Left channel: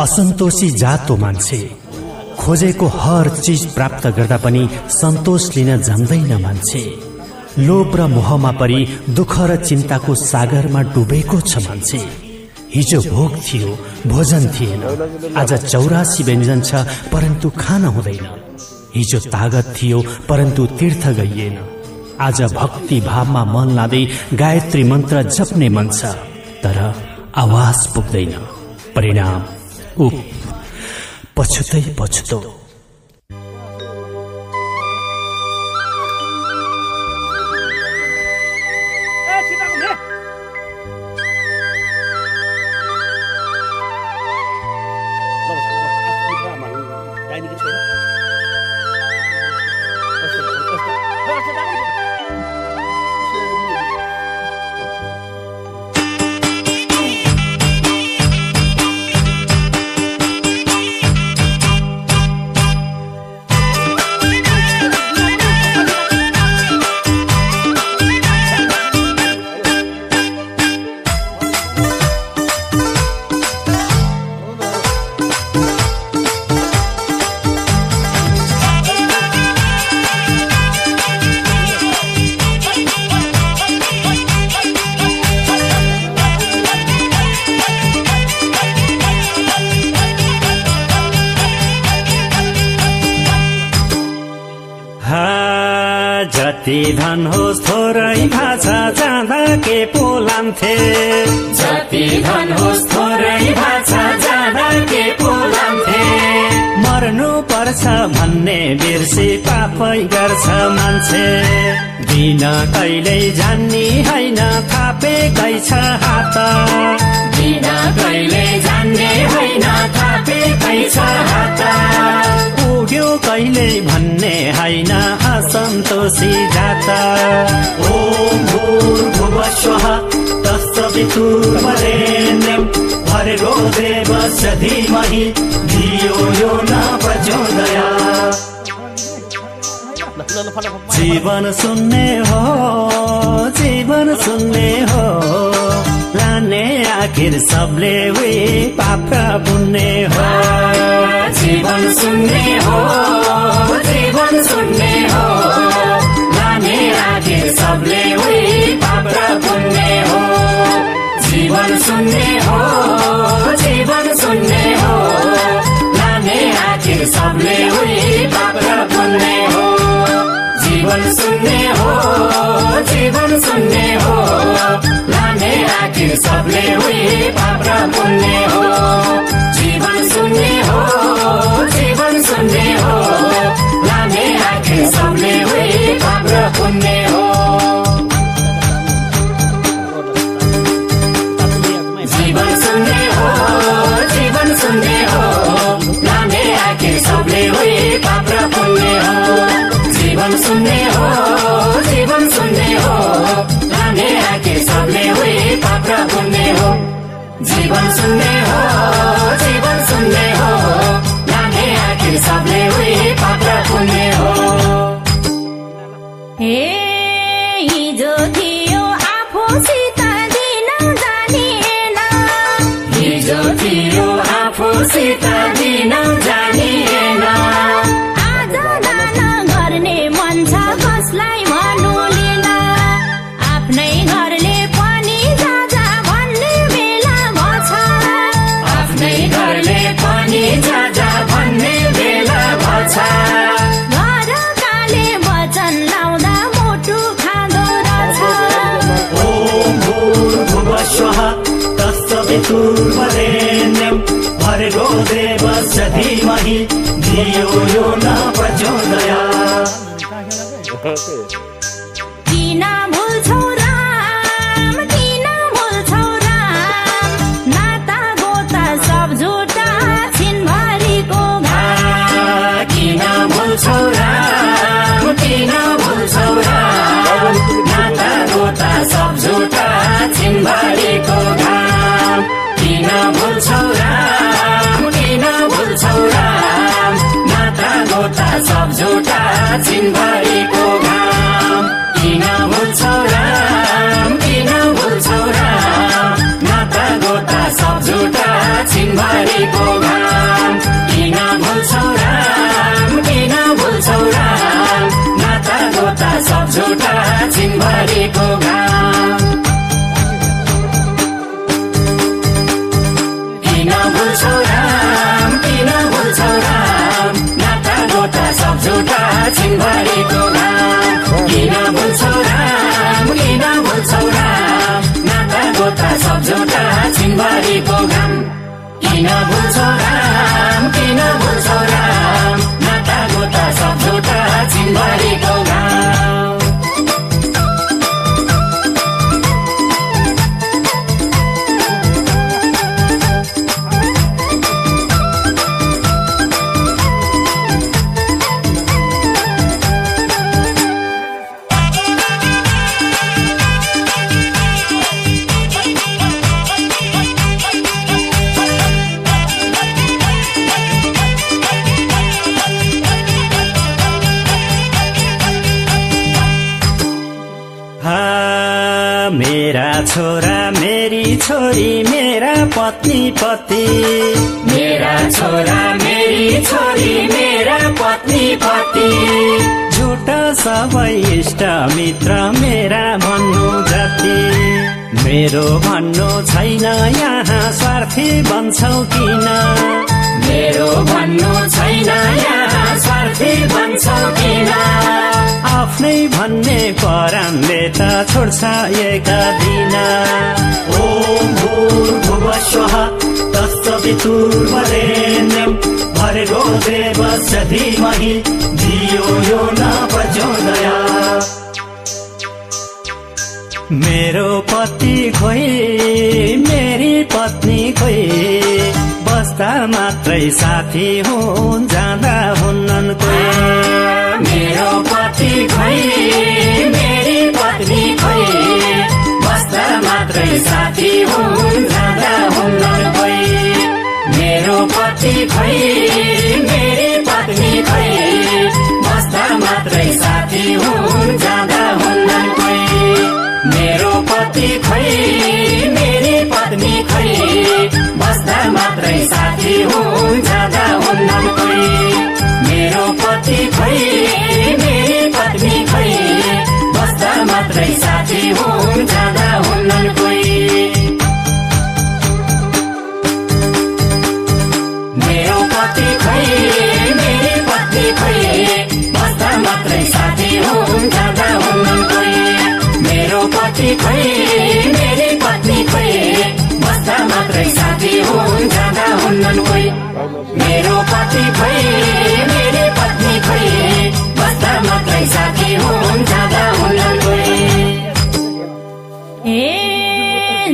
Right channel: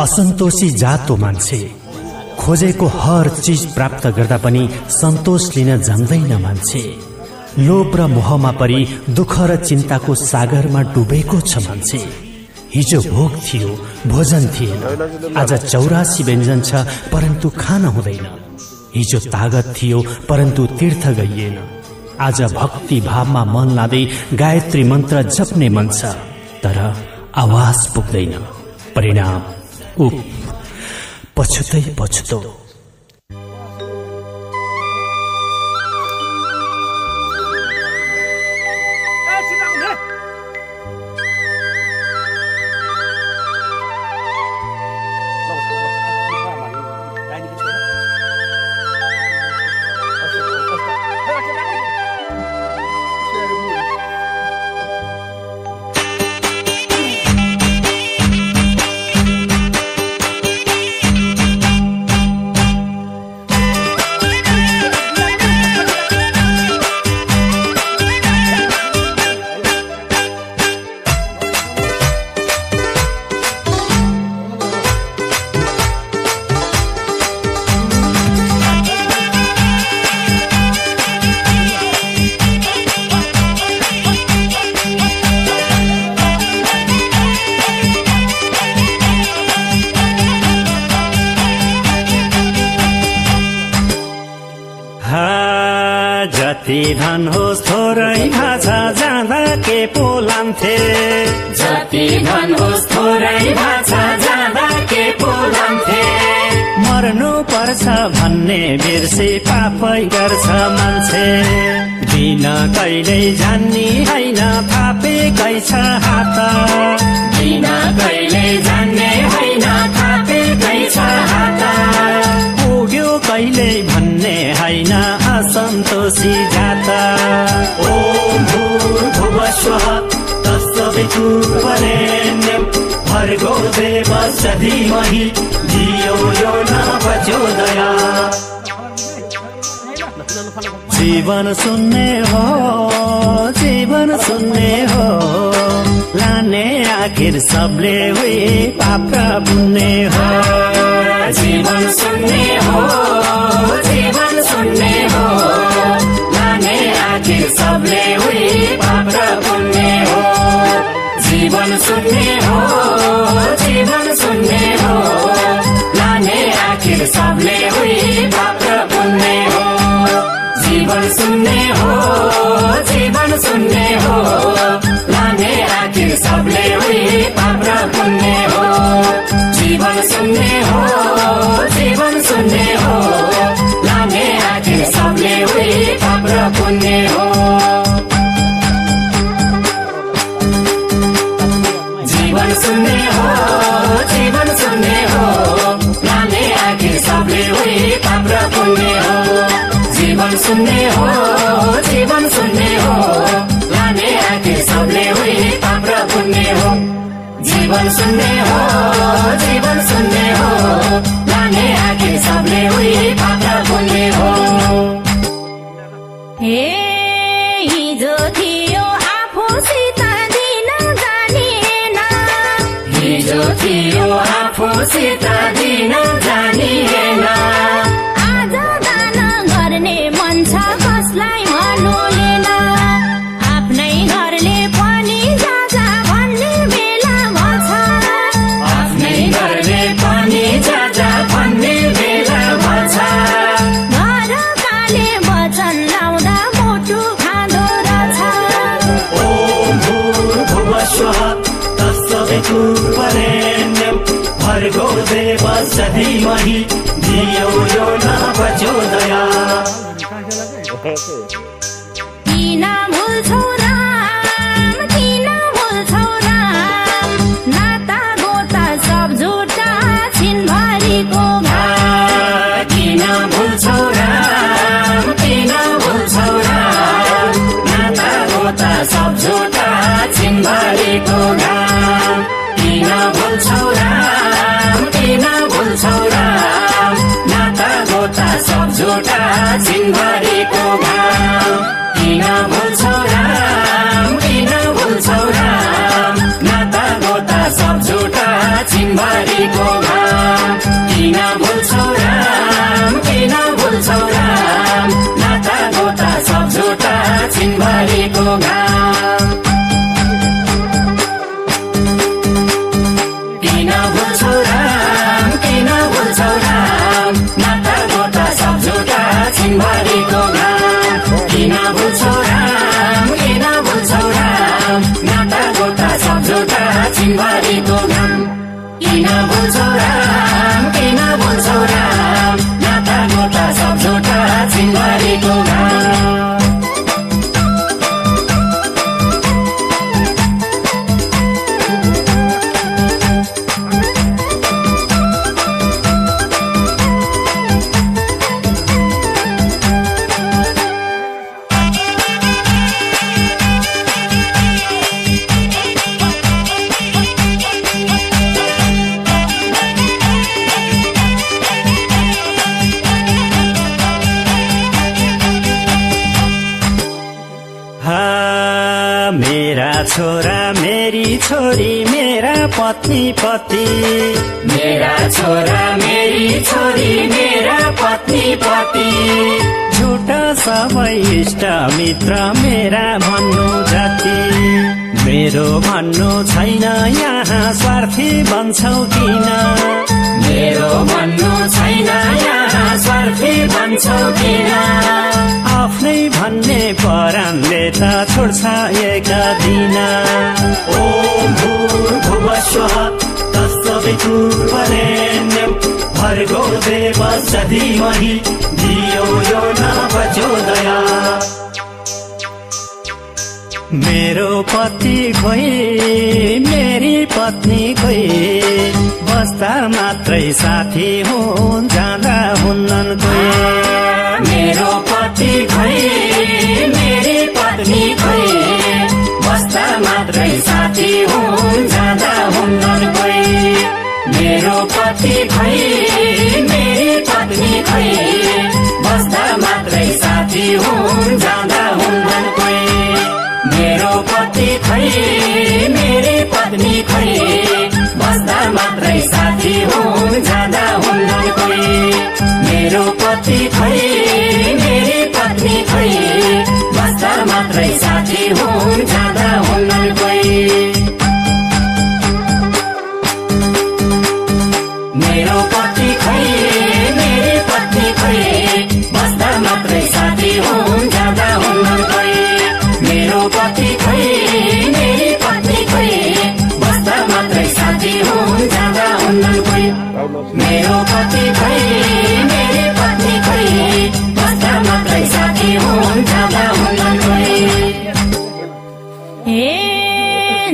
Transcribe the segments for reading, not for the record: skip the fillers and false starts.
असन्तोषी जातो मान्छे खोजेको हर चीज प्राप्त गर्दा पनि सन्तोष लिन जान्दैन मान्छे। लोभ र मोहमा परि दुःख र चिन्ताको सागरमा डुबेको छ मान्छे। हिजो भोग थियो भोजन थिएन, आज 84 व्यञ्जन छ परन्तु खान हुँदैन। हिजो तागत थियो परन्तु तीर्थ गइएन, आज भक्ति भावमा मन लाँदै गायत्री मन्त्र जप्ने मन छ तर आवाज पुग्दैन। परिणाम उफ, पछुतै पछुतो। जति धन होस् थोरै भाषा जाँदा के पोलान्थे, जति धन होस् थोरै भाषा जाँदा के पोलान्थे। मर्नु पर्छ भन्ने बिर्सी पापै गर्छ मान्छे। दिन कहिल्यै जान्ने होइन थापेकै छ हात, दिन कहिल्यै जान्ने होइन थापेकै छ हात। पुग्यो कहिले भन्ने होइन असन्तोषी जाता। ओम भूर्भुवस्वः तत्सवितुर्वरेण्यं भर्गो देवस्य धीमहि धियो यो न प्रचोदयात्। जीवन सुन्ने हो, जीवन सुन्ने हो, लाने आखिर सबले हुई पाप पुण्य हो। जीवन सुन्ने हो, जीवन सुन्ने हो, लाने आखिर सबले हुई पाप पुण्य हो। जीवन सुन्ने हो, जीवन सुन्ने हो, लाने आखिर सबले हुई पाप पुण्य हो। जीवन सुन्ने हो, जीवन सुन्ने हो, लाने आखिर सबले हुई पाप पुण्य हो। जीवन सुन्ने हो, जीवन सुन्ने हो, लाने आखिर सबले हुई पाप पुण्य हो। जीवन सुन्ने हो, जीवन सुन्ने हो, लाने आखिर सबले हुई पाप पुण्य हो। जीवन सुन्ने हो, जीवन सुन्ने हो, लाने आखिर सबले हुई पाप पुण्य हो। जीवन सुन्ने हो, जीवन सुन्ने हो, लाने आखिर सबले हुई पाप पुण्य हो। हिजो थियो आफूसित दिन जानिएन, हिजो थियो आफूसित दिन जानिएन। आज दान गर्ने मन छ कसलाई भन्नुलेन, आफ्नै घरले पनि जाजा भन्ने बेला भन्छ, आफ्नै घरले पनि जाजा भन्ने बेला भन्छ। घरकाले वचन लाउँदा मुटु खाँदो रहेछ। ओम भूर्भुवस्वः तत्सवितुर्वरेण्यं भर्गो देवस्य धीमहि धियो यो न प्रचोदयात्। किन भुल्छौ राम, किन भुल्छौ राम, नाता गोता सब झुटा छिनभरिको घाम। किन भुल्छौ राम, किन भुल्छौ राम, नाता गोता सब झुटा छिनभरिको घाम। किन भुल्छौ राम, किन भुल्छौ राम, नाता गोता सब झुटा छिनभरिको घाम। किन भुल्छौ राम। भरिको घाम किन भुल्छौ राम किन भुल्छौ राम नाता गोता सब झुटा छिनभरिको घाम किन भुल्छौ राम किन भुल्छौ राम नाता गोता सब झुटा छिनभरिको घाम किन भुल्छौ राम किन भुल्छौ राम नाता गोता सब झुटा छिनभरिको घाम किन भुल्छौ राम किन भुल्छौ राम नाता गोता सब झुटा छिनभरिको घाम छोरा मेरी छोरी मेरा पत्नी पति मेरा छोरा मेरी छोरी मेरा पत्नी पति झुटा सबै इष्ट मित्र मेरा भन्नु जाति मेरो भन्नु छैन यहाँ स्वार्थी बन्छौ किन मेरो भन्नु छैन यहाँ स्वार्थी बन्छौ किन आफ्नै भन्ने परानले त छोड्छ एका दिन ओम भूर्भुवस्वः तत्सवितुर्वरेण्यं भर्गो देवस्य धीमहि धियो यो न प्रचोदयात् मेरो पति खोइ मेरी पत्नी खोइ बस्दा मात्रै साथी हुन् जाँदा हुन्नन् कोही मेरो पति खोइ मेरी पत्नी खोइ बस्दा मात्रै साथी हुन् जाँदा हुन्नन् कोही मेरो पति खोइ मेरी पत्नी खोइ बस्दा मात्रै साथी हुन् जाँदा हुन्नन् कोही मेरो पति खोइ मेरी पत्नी खोइ बस्दा मात्रै साथी हुन् जाँदा हुन्नन् कोही मेरो पति खोइ मेरी पत्नी खोइ बस्दा मात्रै साथी हुन् जाँदा हुन्नन् कोही मेरो पति खोइ मेरी पत्नी खोइ बस्दा मात्रै साथी हुन् जाँदा हुन्नन् कोही मेरो पति खोइ मेरी पत्नी खोइ बस्दा मात्रै साथी हुन् जाँदा हुन्नन् कोही मेरो पति खोइ मेरी पत्नी खोइ बस्दा मात्रै साथी हुन् जाँदा हुन्नन् कोही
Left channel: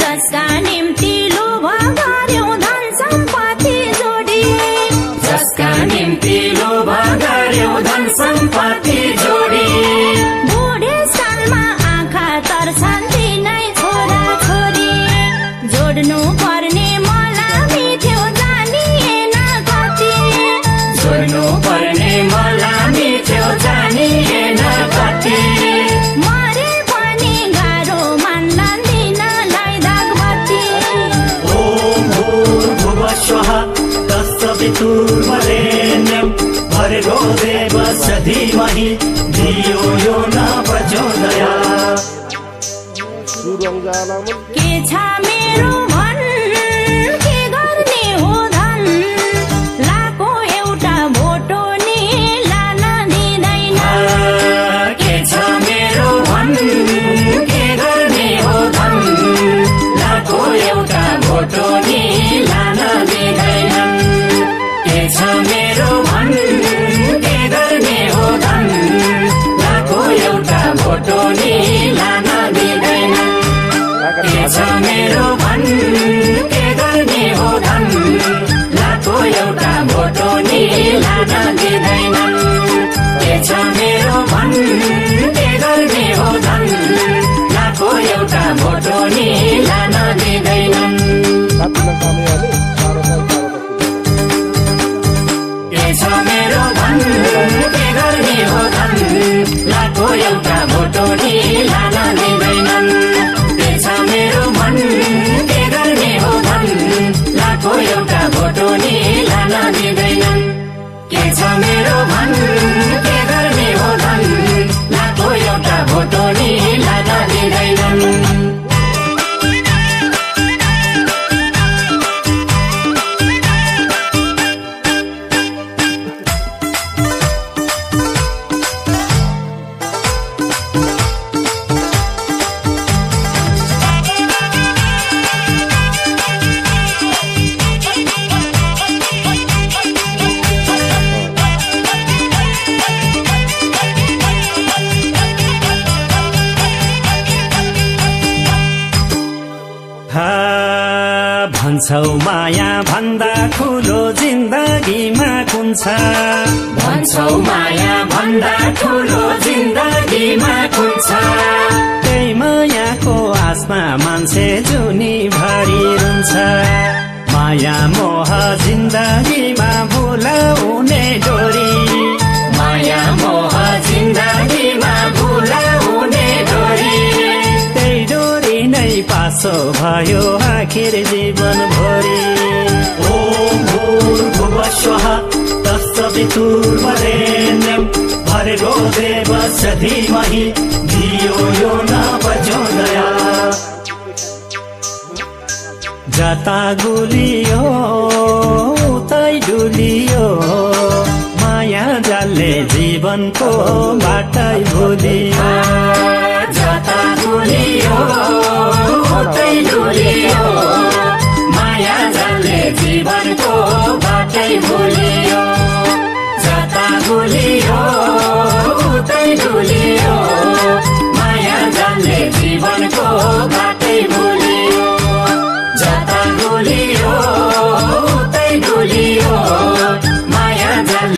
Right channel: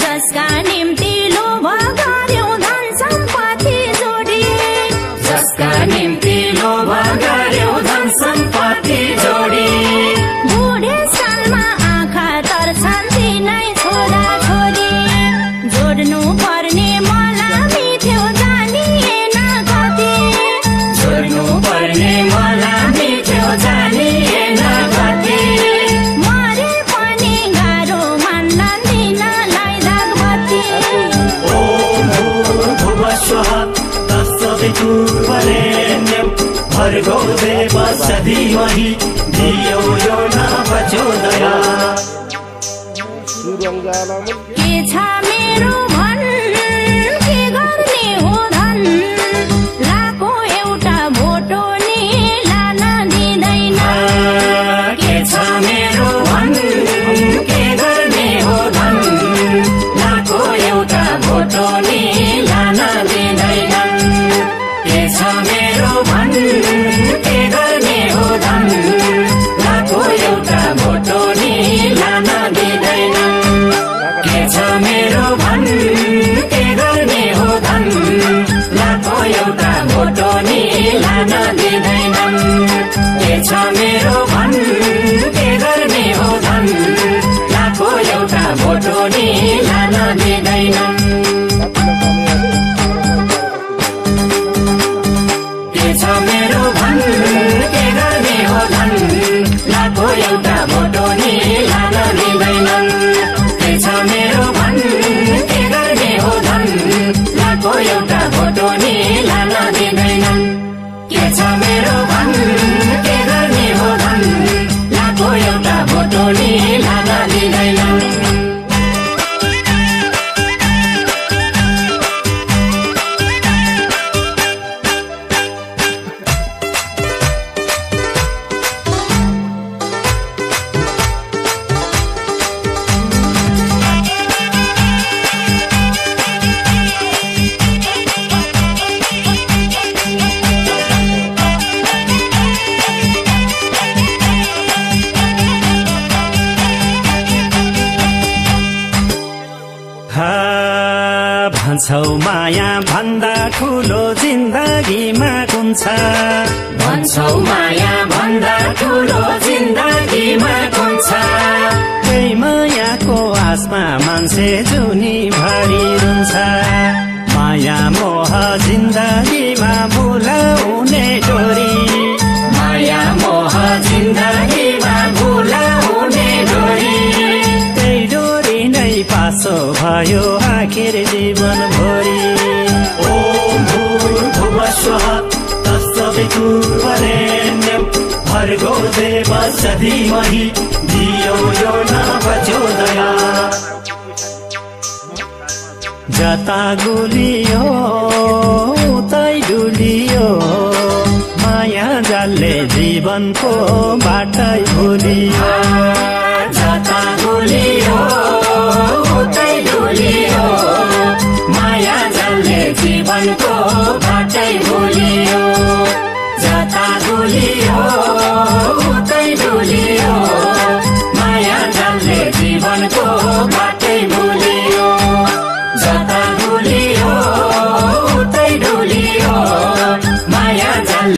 जसका निम्ति लोभ गर्यौ धन सम्पत्ति जोडी जसका निम्ति लोभ गर्यौ धन सम्पत्ति जोडी बुढेसकालमा आँखा तर्छन् तिनै छोरा छोरी जोड्नु पर्ने मलाई थियो जानिएन कति जोड्नु पर्ने मलाई थियो जानिएन कति मरे पनि गाह्रो मान्लान् तिनलाई दागमती ओम भूर्भुवस्वः तत्सवितुर्वरेण्यं भर्गो देवस्य धीमहि धियो यो न प्रचोदयात् के छ मेरो भन के गर्ने हो धन लाको एउटा भोटो नि लान दिँदैन के छ मेरो भन के गर्ने हो धन लाको एउटा भोटो नि लान दिँदैनन् के छ मेरो भन के गर्ने हो धन लाको एउटा भोटो नि लान दिँदैनन् के छ मेरो भन के गर्ने हो धन लाको एउटा भोटो नि लान दिँदैनन् के छ मेरो भन के गर्ने हो धन लाको एउटा भोटो नि लान दिँदैनन् के छ मेरो भन के गर्ने हो धन लाको एउटा भोटो नि लान दिँदैनन् के छ मेरो भन के गर्ने हो धन लाको एउटा भोटो नि रहेछ मेरो भन के गर्ने हो धन लाखौँ एउटा भोटोनी लादा दिँदैनन् भन्छौ माया भन्दा ठुलो जिन्दगीमा कुन छ भन्छौ माया भन्दा ठुलो जिन्दगीमा कुन छ त्यही मायाको आसमा मान्छे जुनी भरि रुन्छ माया मोह जिन्दगीमा भुलाउने डोरी माया मोह जिन्दगीमा भुलाउने डोरी त्यही डोरी नै पासो भयो आखिर जीवन भरि ओम भूर्भुवस्वः तत्सवितुर्वरेण्यं भर्गो देवस्य धीमहि धियो यो न प्रचोदयात् जता गुलियो उतै डुलियो माया जालले जीवनको बाटै भुलियो जता गुलियो उतै डुलियो माया जालले जीवनको बाटै भुलियो जता गुलियो उतै डुलियो माया जालले जीवनको बाटै